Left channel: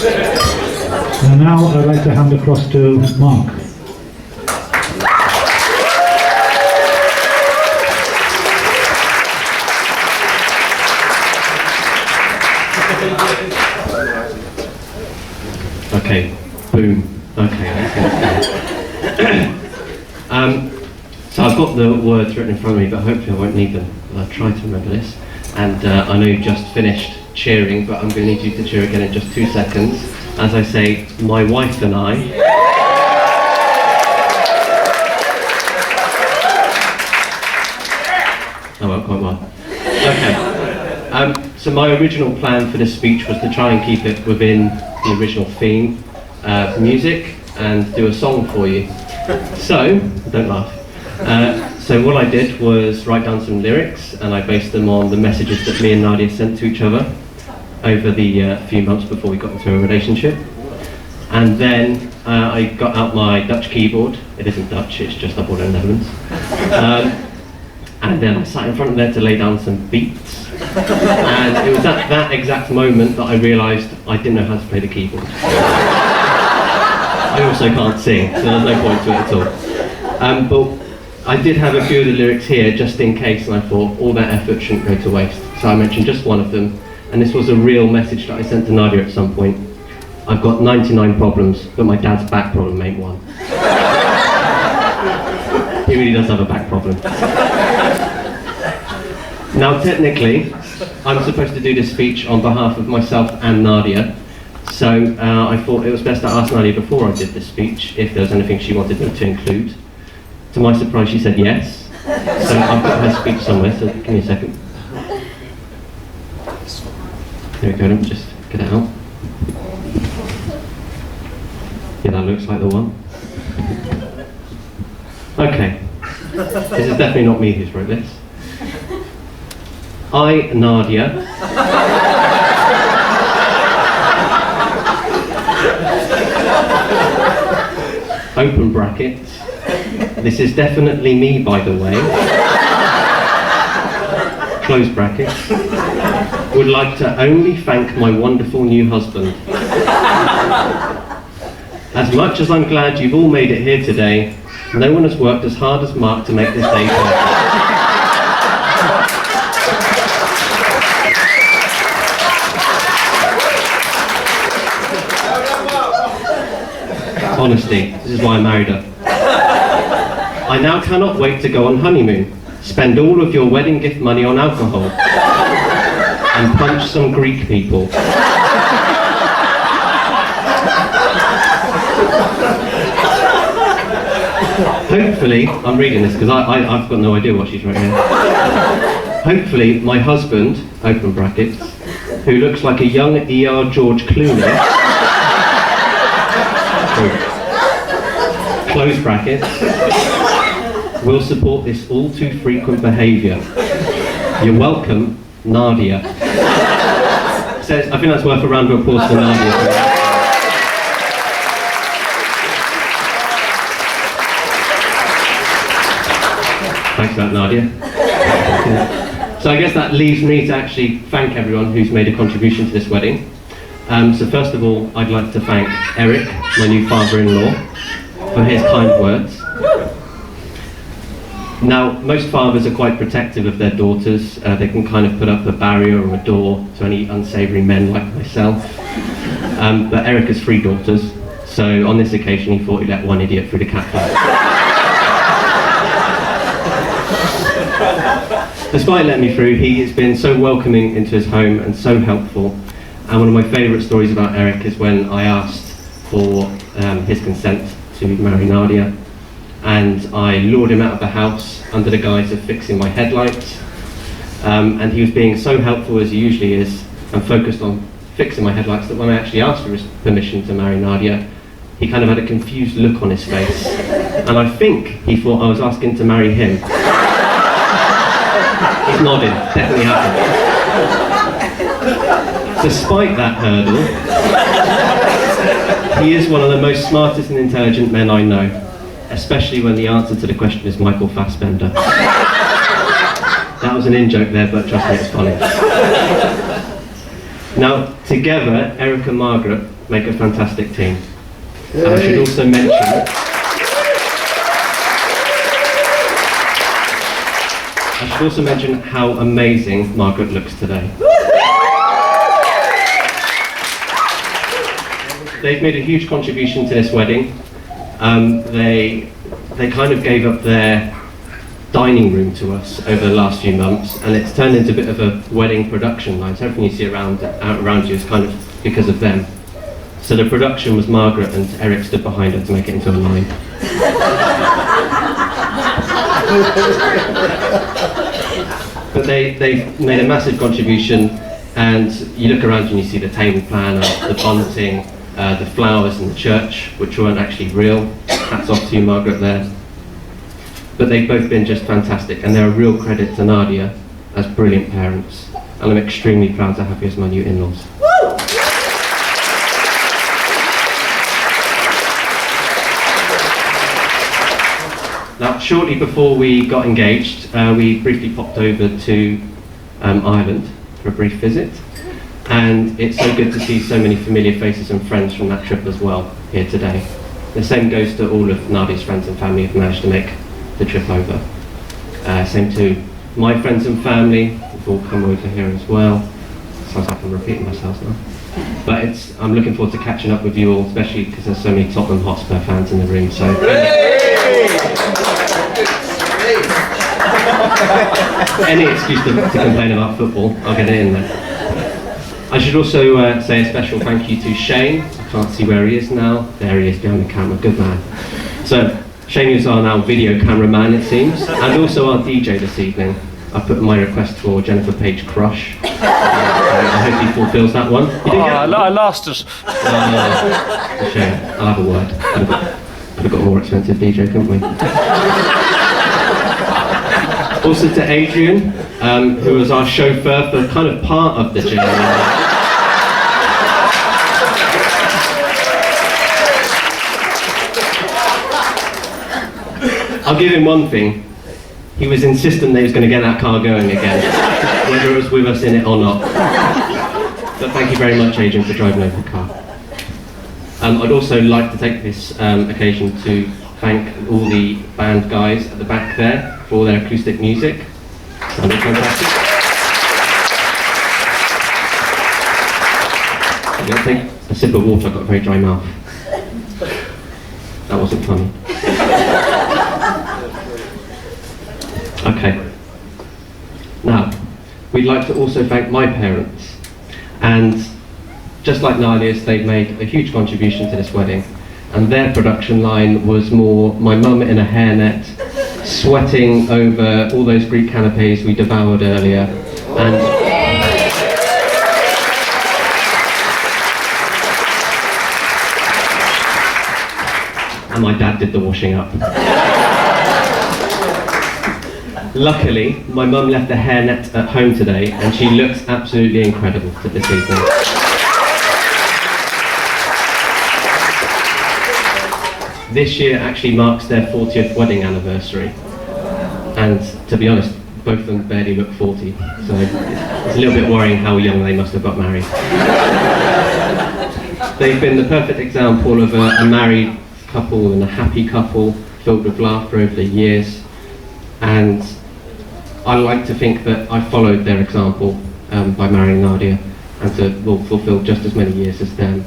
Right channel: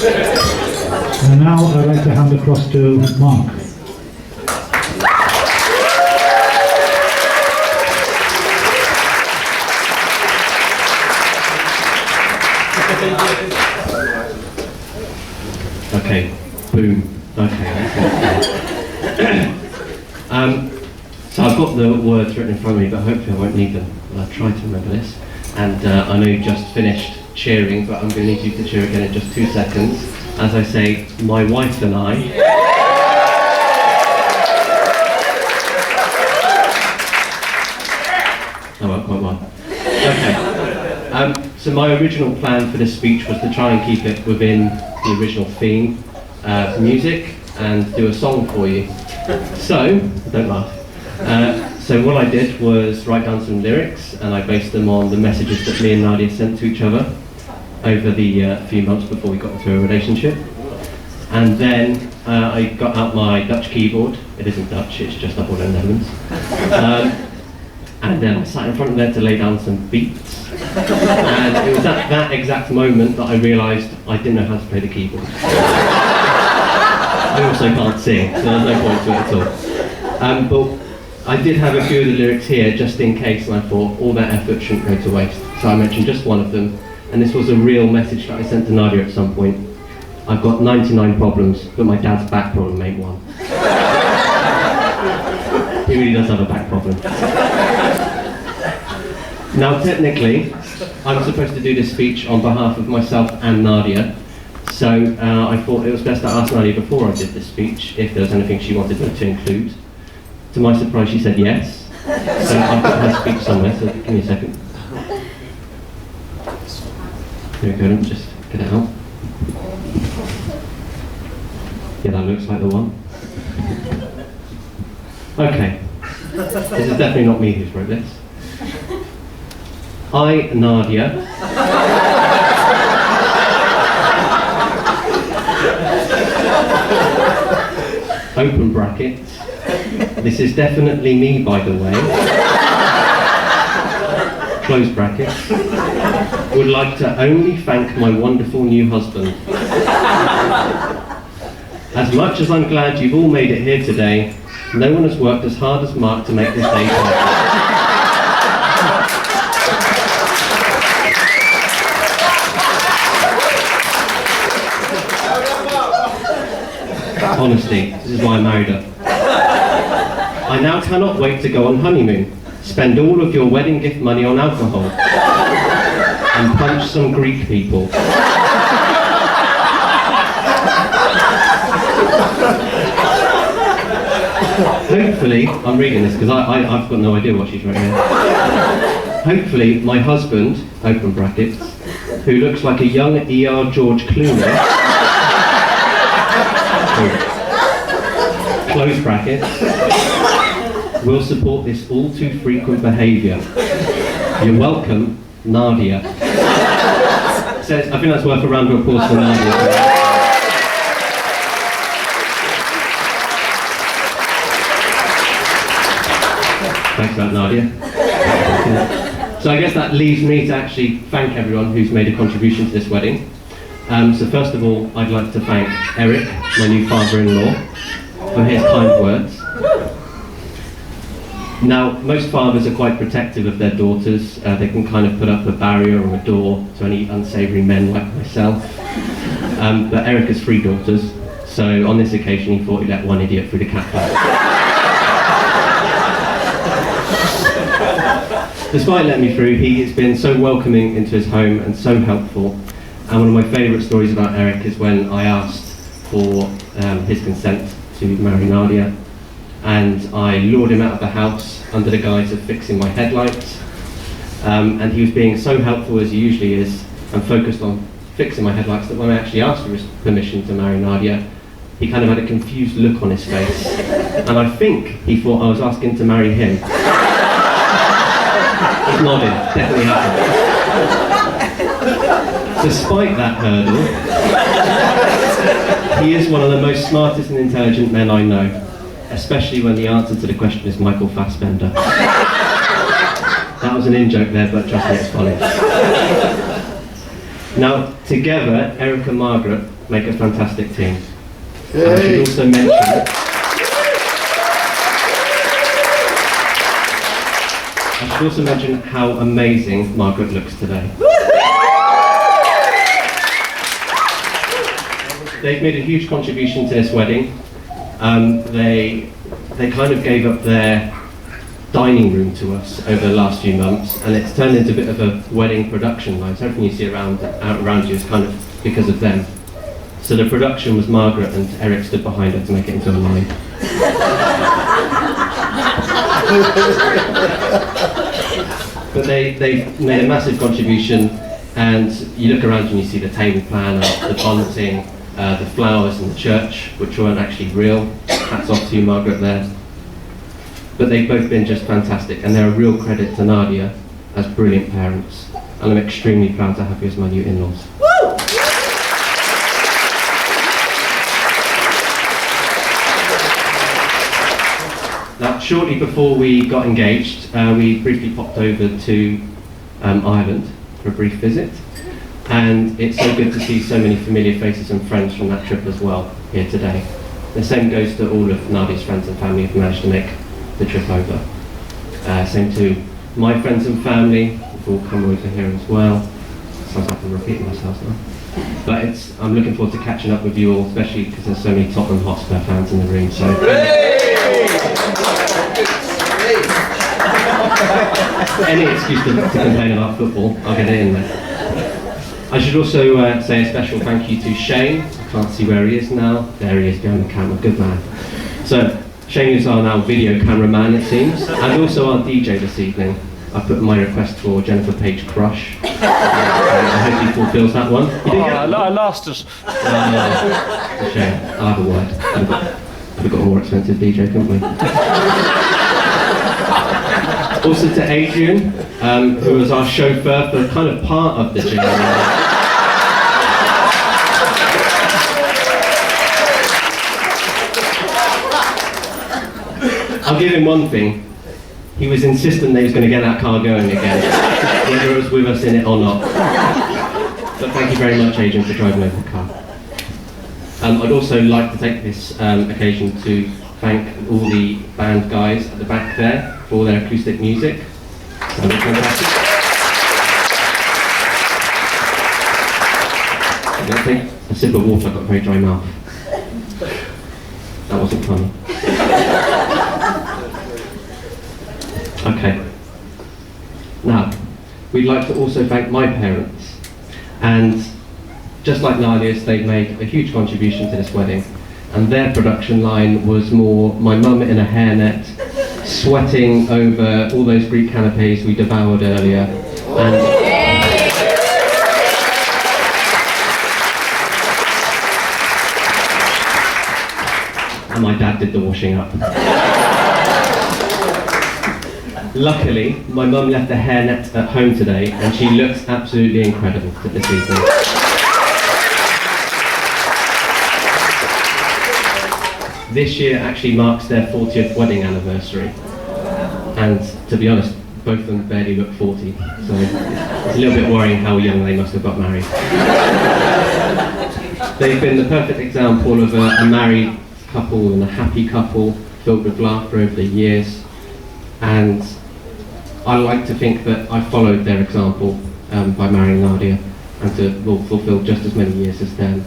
And now I'd like to hand across to Mark. Okay, boom. Okay. So I've got the words written in front of me, but hopefully I won't need them. I'll try to remember this. And I know you just finished cheering, but I'm going to need you to cheer again in just 2 seconds. As I say, my wife and I. Oh, well, quite well. Okay. So my original plan for this speech was to try and keep it within the original theme, music, and do a song for you. So, don't laugh. So what I did was write down some lyrics, and I based them on the messages that me and Nadia sent to each other over the few months before we got into a relationship. And then I got out my Dutch keyboard. It isn't Dutch, it's just I bought it in the Netherlands. And then I sat in front of there to lay down some beats. And it was at that exact moment that I realised I didn't know how to play the keyboard. I also can't sing, so there's no point to it at all. But I did have a few of the lyrics here just in case, and I thought all that effort shouldn't go to waste. So I mentioned just one of them, and this was a real message that I sent to Nadia at some point. I've got 99 problems, but my dad's back problem ain't one. He really does have a back problem. Now technically, I'm supposed to do this speech on behalf of myself and Nadia, so I thought it was best to ask Nadia before I did this speech if there was anything she wanted me to include. To my surprise, she said yes. So I've got her speech somewhere, so give me a second. There we go, let me just get it out. Yeah, that looks like the one. Okay. This is definitely not me who's wrote this. I, Nadia, open brackets. This is definitely me, by the way. Close brackets. Would like to only thank my wonderful new husband. As much as I'm glad you've all made it here today, no one has worked as hard as Mark to make this day perfect. Honesty, this is why I married her. I now cannot wait to go on honeymoon, spend all of your wedding gift money on alcohol, and punch some Greek people. Hopefully, I'm reading this because I've got no idea what she's written here. Hopefully, my husband, open brackets, who looks like a young ER George Clooney, close brackets, will support this all too frequent behaviour. You're welcome, Nadia. So I think that's worth a round of applause for Nadia. Thanks for that, Nadia. So I guess that leaves me to actually thank everyone who's made a contribution to this wedding. So first of all, I'd like to thank Eric, my new father-in-law, for his kind words. Now, most fathers are quite protective of their daughters. They can kind of put up a barrier or a door to any unsavoury men like myself. But Eric has 3 daughters, so on this occasion he thought he'd let one idiot through the cat flap. Despite letting me through, he has been so welcoming into his home and so helpful. And one of my favourite stories about Eric is when I asked for his consent to marry Nadia, and I lured him out of the house under the guise of fixing my headlights. And he was being so helpful, as he usually is, and focused on fixing my headlights, that when I actually asked for his permission to marry Nadia, he kind of had a confused look on his face. And I think he thought I was asking to marry him. He's nodding, definitely happened. Despite that hurdle, he is one of the most smartest and intelligent men I know, especially when the answer to the question is Michael Fassbender. That was an in-joke there, but trust me, it's funny. Now, together, Eric and Margaret make a fantastic team. I should also mention how amazing Margaret looks today. They've made a huge contribution to this wedding. They kind of gave up their dining room to us over the last few months, and it's turned into a bit of a wedding production line. So everything you see around you is kind of because of them. So the production was Margaret, and Eric stood behind her to make it into a line. But they've made a massive contribution, and you look around and you see the table planner, the bunting, the flowers in the church, which weren't actually real. Hats off to you, Margaret, there. But they've both been just fantastic, and they're a real credit to Nadia as brilliant parents. And I'm extremely proud to have you as my new in-laws. Now, shortly before we got engaged, we briefly popped over to Ireland for a brief visit. And it's so good to see so many familiar faces and friends from that trip as well here today. The same goes to all of Nadia's friends and family who've managed to make the trip over. Same to my friends and family who've all come over here as well. Sounds like I'm repeating myself now. But I'm looking forward to catching up with you all, especially because there's so many Tottenham Hotspur fans in the room. So any excuse to complain about football, I'll get it in there. I should also say a special thank you to Shane. I can't see where he is now. There he is behind the camera, good man. So Shane is our now video cameraman, it seems, and also our DJ this evening. I put my request for Jennifer Page Crush. I hope he fulfills that one. You didn't get that one? I lost us. Shame. I'll have a word. Could have got a more expensive DJ, couldn't we? Also to Adrian, who was our chauffeur for kind of part of the journey. I'll give him one thing. He was insistent that he was going to get that car going again, whether it was with us in it or not. But thank you very much, Adrian, for driving over the car. I'd also like to take this occasion to thank all the band guys at the back there for all their acoustic music. Sounded fantastic. I'm going to take a sip of water, I've got a very dry mouth. That wasn't funny. Okay. Now, we'd like to also thank my parents. And just like Nadia's, they've made a huge contribution to this wedding. And their production line was more my mum in a hairnet, sweating over all those Greek canapes we devoured earlier. And my dad did the washing up. Luckily, my mum left the hairnet at home today, and she looks absolutely incredible for this evening. This year actually marks their 40th wedding anniversary, and to be honest, both of them barely look 40, so it's a little bit worrying how young they must have got married. They've been the perfect example of a married couple and a happy couple filled with laughter over the years, and I like to think that I followed their example by marrying Nadia, and to fulfill just as many years as them.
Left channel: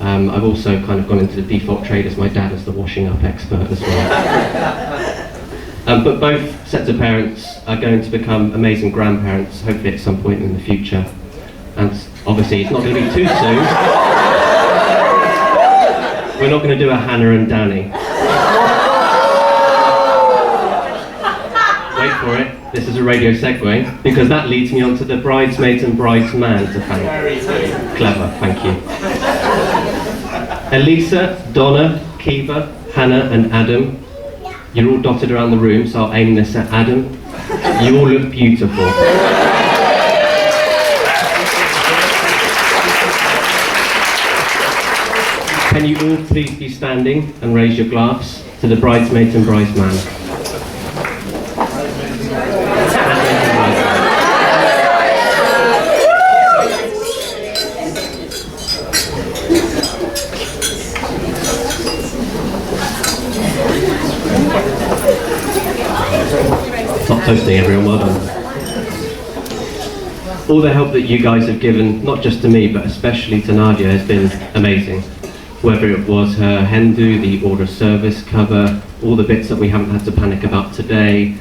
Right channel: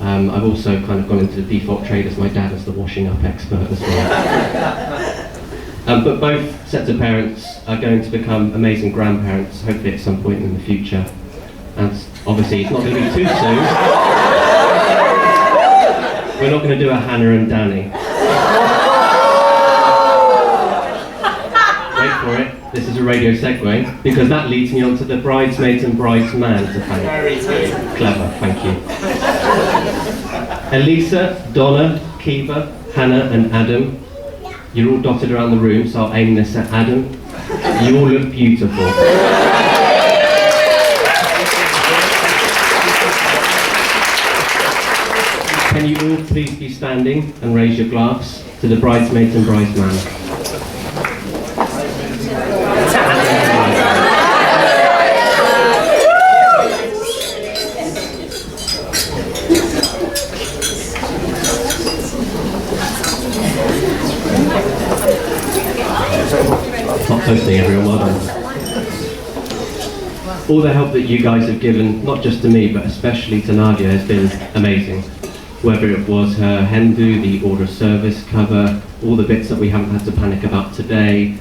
I've also kind of gone into the default trade as my dad as the washing up expert as well. But both sets of parents are going to become amazing grandparents, hopefully at some point in the future. And obviously it's not going to be too soon. We're not going to do a Hannah and Danny. Wait for it. This is a radio segue, because that leads me on to the bridesmaids and bridesman to thank. Clever, thank you. Elisa, Donna, Kiva, Hannah and Adam. You're all dotted around the room, so I'll aim this at Adam. You all look beautiful. Can you all please be standing and raise your glass to the bridesmaids and bridesman? hosting everyone. Well done. All the help that you guys have given, not just to me, but especially to Nadia, has been amazing. Whether it was her hen do, the order of service cover, all the bits that we haven't had to panic about today,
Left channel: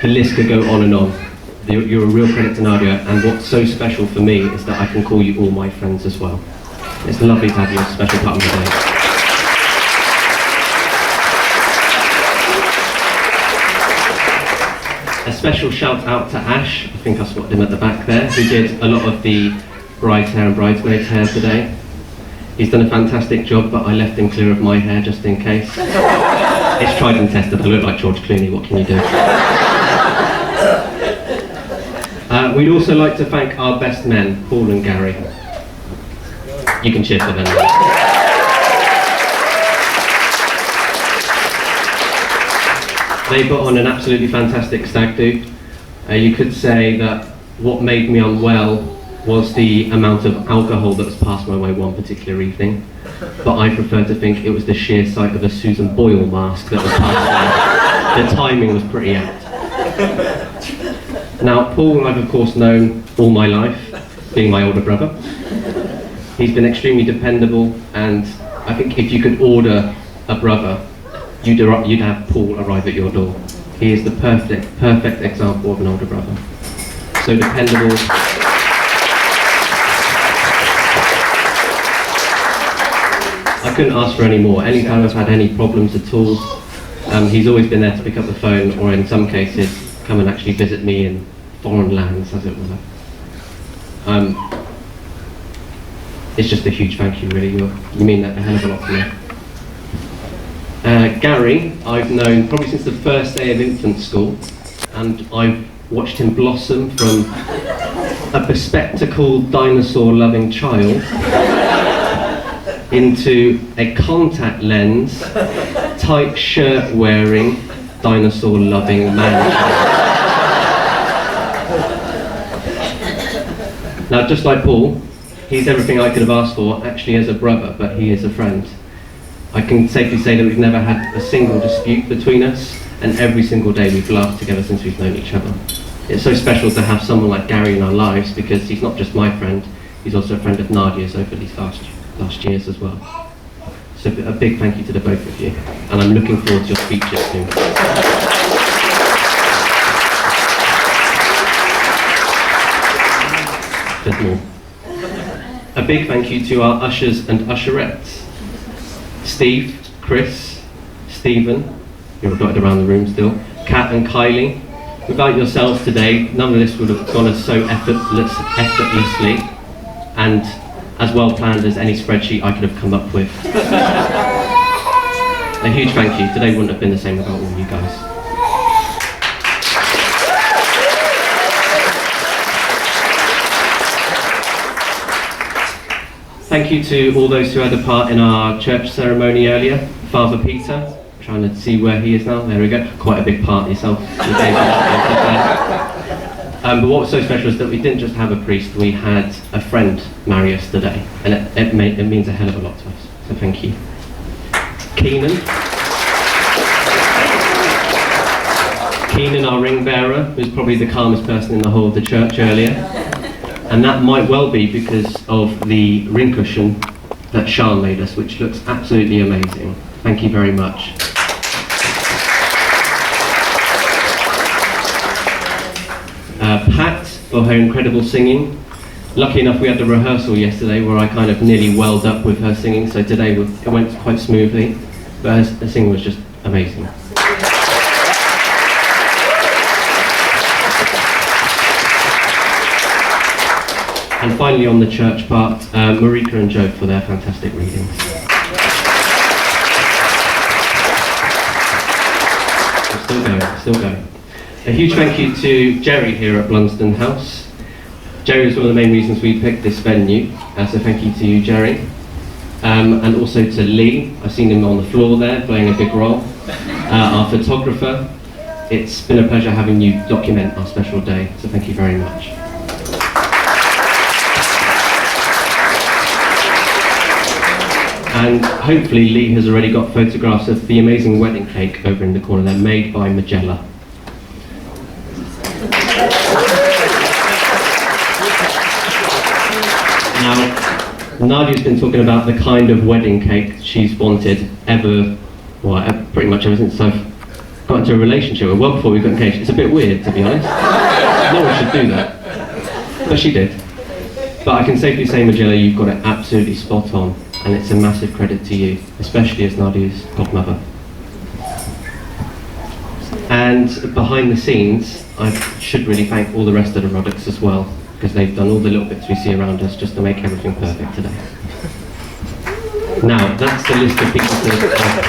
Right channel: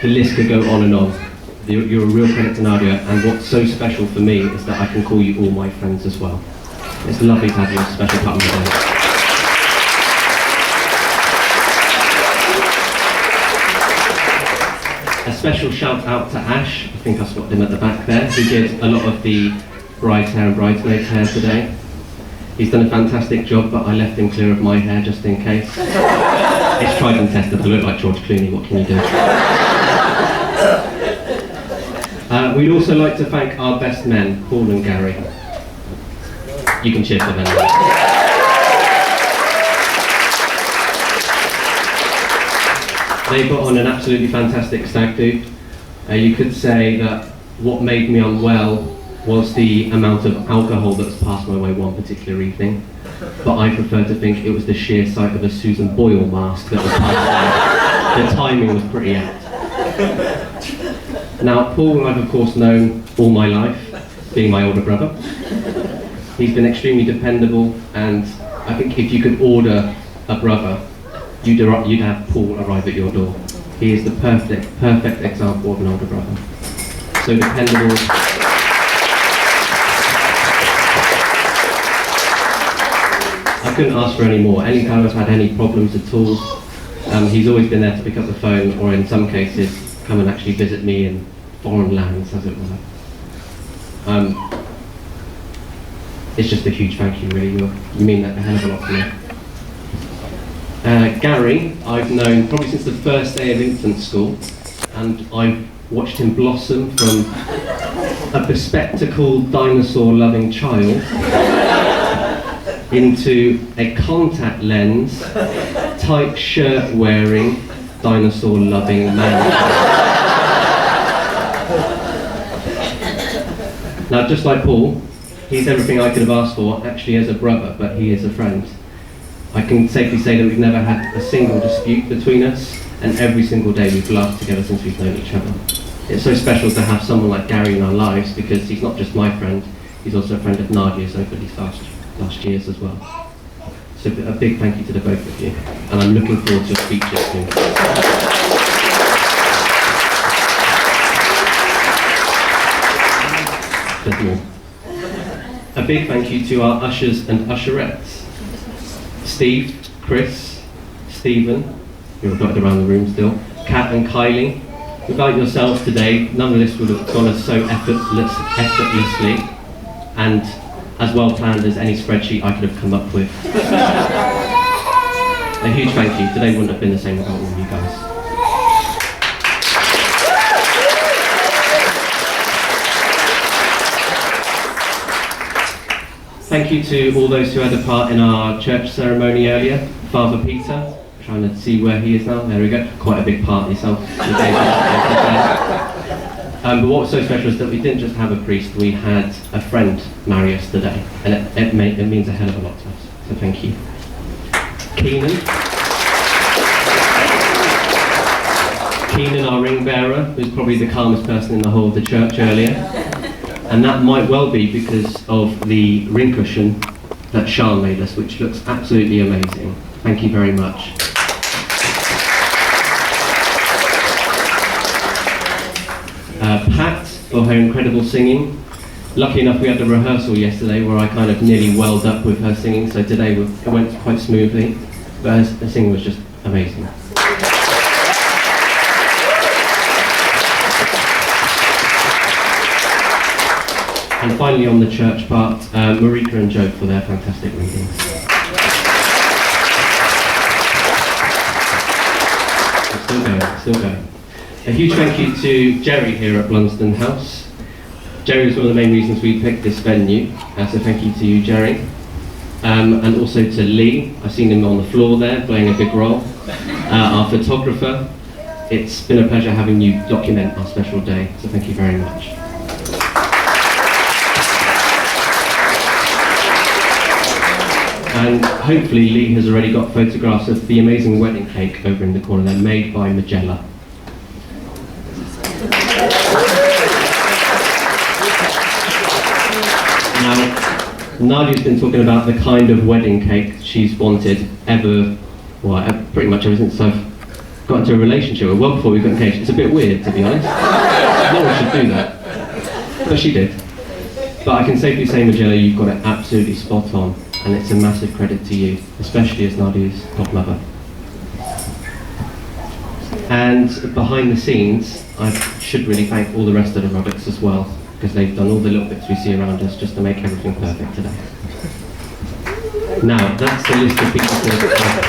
the list could go on and on. You're a real credit to Nadia, and what's so special for me is that I can call you all my friends as well. It's lovely to have you as a special part of my day. A special shout out to Ash, I think I spotted him at the back there, who did a lot of the bride's hair and bridesmaid's hair today. He's done a fantastic job, but I left him clear of my hair just in case. It's tried and tested. I look like George Clooney, what can you do? We'd also like to thank our best men, Paul and Gary. You can cheer for them. They put on an absolutely fantastic stag do. You could say that what made me unwell was the amount of alcohol that was passed my way one particular evening, but I prefer to think it was the sheer sight of a Susan Boyle mask that was passed by. The timing was pretty apt. Now, Paul I've of course known all my life, being my older brother. He's been extremely dependable, and I think if you could order a brother, you'd have Paul arrive at your door. He is the perfect example of an older brother. So dependable. I couldn't ask for any more. Anytime I've had any problems at all, he's always been there to pick up the phone, or in some cases, come and actually visit me in foreign lands, as it were. It's just a huge thank you, really. You mean that a hell of a lot to me. Gary, I've known probably since the first day of infant school, and I've watched him blossom from a bespectacled, dinosaur-loving child into a contact lens, tight shirt-wearing, dinosaur-loving man. Now, just like Paul, he's everything I could have asked for, actually as a brother, but he is a friend. I can safely say that we've never had a single dispute between us, and every single day we've laughed together since we've known each other. It's so special to have someone like Gary in our lives, because he's not just my friend, he's also a friend of Nadia's over these last years as well. So a big thank you to the both of you, and I'm looking forward to your speeches soon. There's more. A big thank you to our ushers and usherettes. Steve, Chris, Stephen, you're dotted around the room still, Kat and Kylie. Without yourselves today, none of this would have gone as so effortlessly and as well planned as any spreadsheet I could have come up with. A huge thank you. Today wouldn't have been the same without all of you guys. Thank you to all those who had a part in our church ceremony earlier. Father Peter, trying to see where he is now. There we go. Quite a big part yourself. But what was so special is that we didn't just have a priest, we had a friend marry us today. And it means a hell of a lot to us. So thank you. Keenan, our ring bearer, who's probably the calmest person in the whole of the church earlier. And that might well be because of the ring cushion that Sean made us, which looks absolutely amazing. Thank you very much. Pat, for her incredible singing. Lucky enough we had the rehearsal yesterday where I kind of nearly welled up with her singing, so today it went quite smoothly, but her singing was just amazing. And finally on the church part, Marika and Joe for their fantastic readings. Still going. A huge thank you to Jerry here at Blunsdon House. Jerry was one of the main reasons we picked this venue, so thank you to you, Jerry. And also to Lee, I've seen him on the floor there, playing a big role. Our photographer, it's been a pleasure having you document our special day, so thank you very much. And hopefully Lee has already got photographs of the amazing wedding cake over in the corner there, made by Magella. Nadia's been talking about the kind of wedding cake she's wanted pretty much ever since I've got into a relationship with. Well before we got engaged. It's a bit weird, to be honest. No one should do that. But she did. But I can safely say, Magilla, you've got it absolutely spot on, and it's a massive credit to you, especially as Nadia's godmother. And behind the scenes, I should really thank all the rest of the Roddocks as well, because they've done all the little bits we see around us just to make everything perfect today. Now, that's the list of people to thank.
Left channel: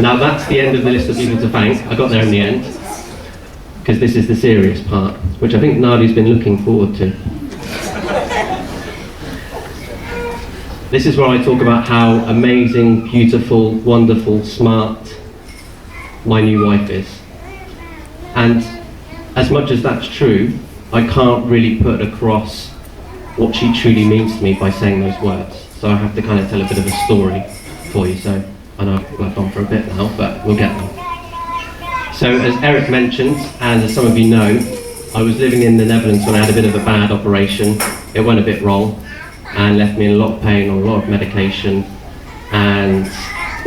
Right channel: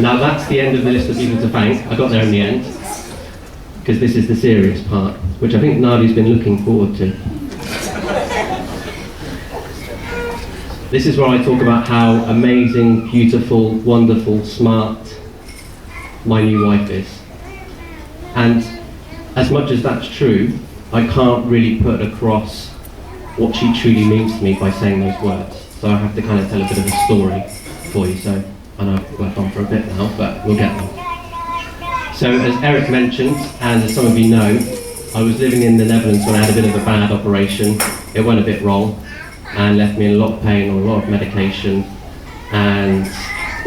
Now that's the end of the list of people to thank. I got there in the end, because this is the serious part, which I think Nadia's been looking forward to. This is where I talk about how amazing, beautiful, wonderful, smart my new wife is. And as much as that's true, I can't really put across what she truly means to me by saying those words. So I have to kind of tell a bit of a story for you. So I know I've worked on for a bit now, but we'll get there. So as Eric mentioned, and as some of you know, I was living in the Netherlands when I had a bit of a bad operation. It went a bit wrong and left me in a lot of pain, on a lot of medication, and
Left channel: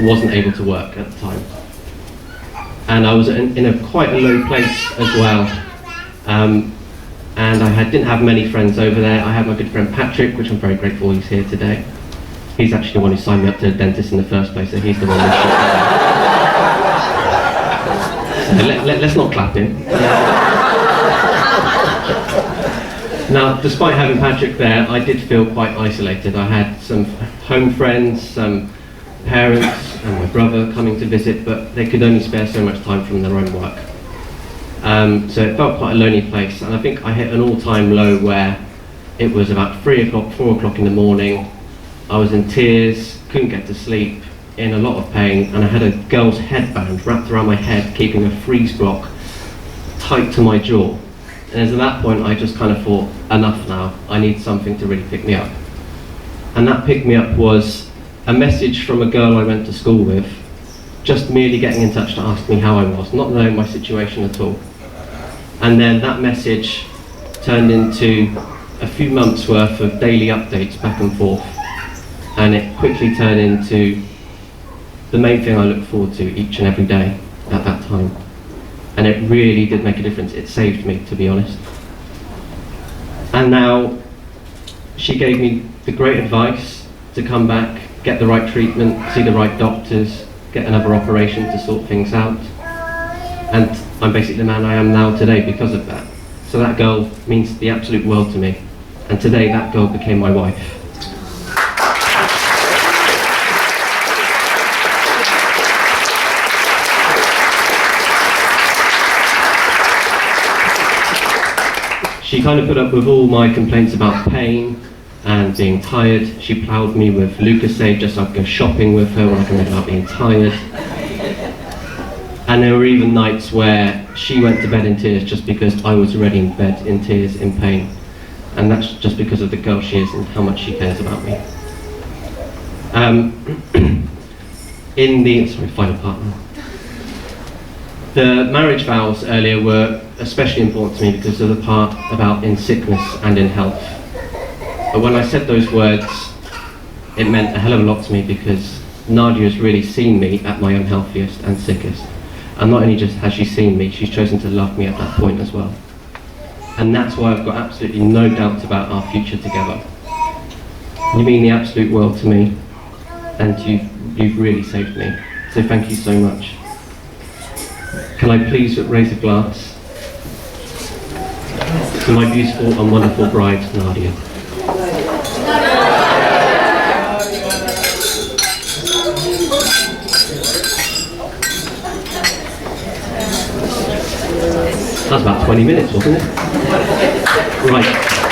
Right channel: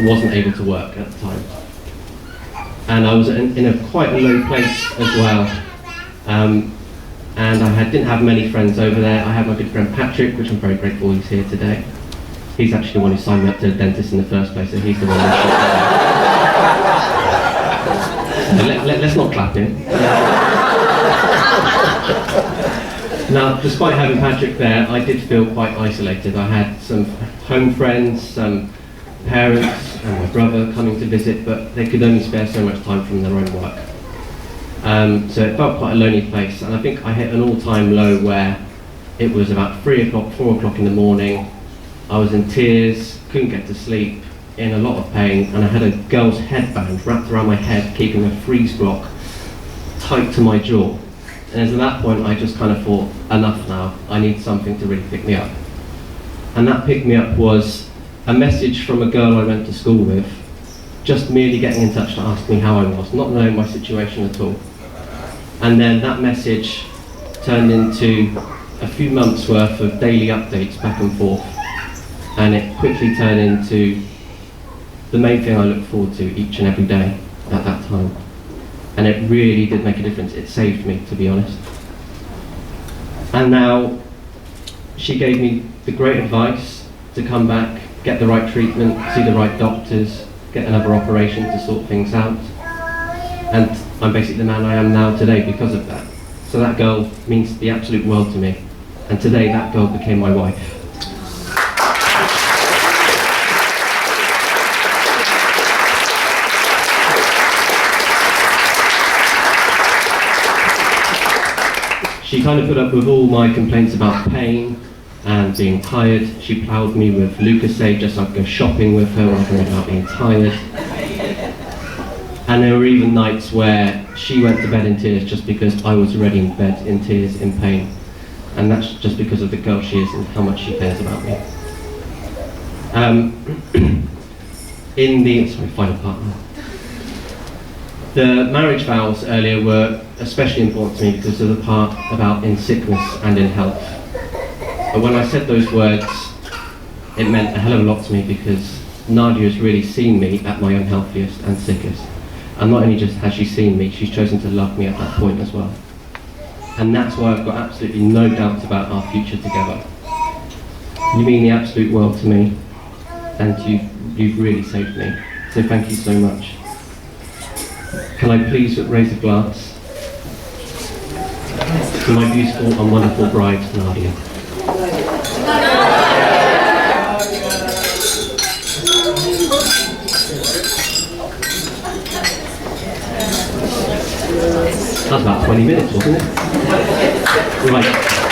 wasn't able to work at the time. And I was in quite a low place as well. And I didn't have many friends over there. I had my good friend Patrick, which I'm very grateful he's here today. He's actually the one who signed me up to the dentist in the first place, so he's the one who so let's not clap him. Now, despite having Patrick there, I did feel quite isolated. I had some home friends, some parents, and my brother coming to visit, but they could only spare so much time from their own work. So it felt quite a lonely place, and I think I hit an all-time low where it was about 3 o'clock, 4 o'clock in the morning. I was in tears, couldn't get to sleep, in a lot of pain, and I had a girl's headband wrapped around my head, keeping a freeze block tight to my jaw. And at that point, I just kind of thought, enough now, I need something to really pick me up. And that pick me up was a message from a girl I went to school with, just merely getting in touch to ask me how I was, not knowing my situation at all. And then that message turned into a few months worth of daily updates back and forth. And it quickly turned into the main thing I looked forward to each and every day at that time. And it really did make a difference. It saved me, to be honest. And now she gave me the great advice to come back, get the right treatment, see the right doctors, get another operation to sort things out. And I'm basically the man I am now today because of that. So that girl means the absolute world to me. And today that girl became my wife. She kind of put up with all my complaints about pain and being tired. She ploughed me with Lucozade just so I could go shopping with her when I complained about being tired. And there were even nights where she went to bed in tears just because I was already in bed in tears, in pain. And that's just because of the girl she is and how much she cares about me. Final part now. The marriage vows earlier were especially important to me because of the part about in sickness and in health. But when I said those words, it meant a hell of a lot to me because Nadia has really seen me at my unhealthiest and sickest. And not only just has she seen me, she's chosen to love me at that point as well. And that's why I've got absolutely no doubts about our future together. You mean the absolute world to me, and you've really saved me. So thank you so much. Can I please raise a glass to my beautiful and wonderful bride, Nadia. That was about 20 minutes, wasn't it? Right.